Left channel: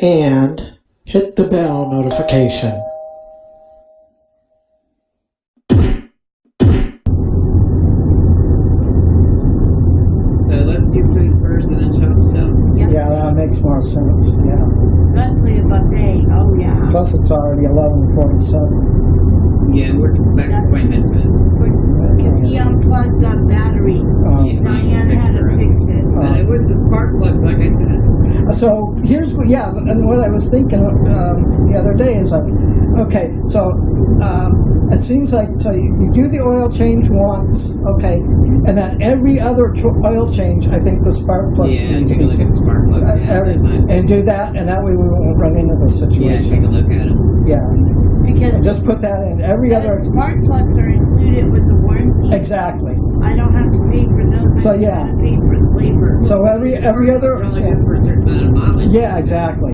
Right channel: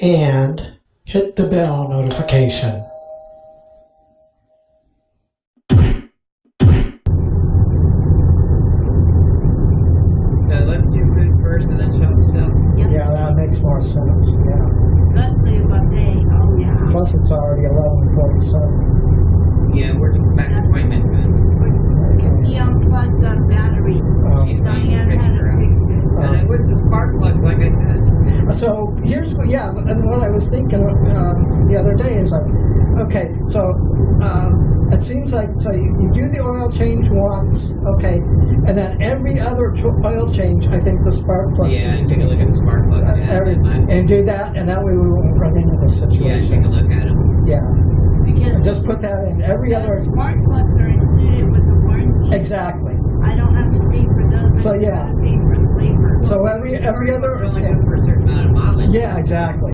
and hit the bell notification. So let's do food first and then shop stuff. Yeah, that makes more sense. Yeah. Especially a buffet. Oh, yeah. Plus, it's already 11:47. Yeah, we're back to 20 minutes. Because he unplugged the battery. Yeah, Diane had to fix it. And it was the spark plugs, like I said. So here's what, yeah, and what I was thinking the other day is like, okay, so it seems like, so you do the oil change once, okay, and then every other oil change, I think the spark plugs. Yeah, take a look at the spark plugs. And do that, and that way we won't run into the situation. Yeah, take a look at them. Yeah. Because And just put that in every other. spark plugs are included with the warranty. Exactly. I don't have to pay for those. So, I just yeah. have to pay for the labor. So every other. You're only good for a certain amount of mileage. Yeah, exactly.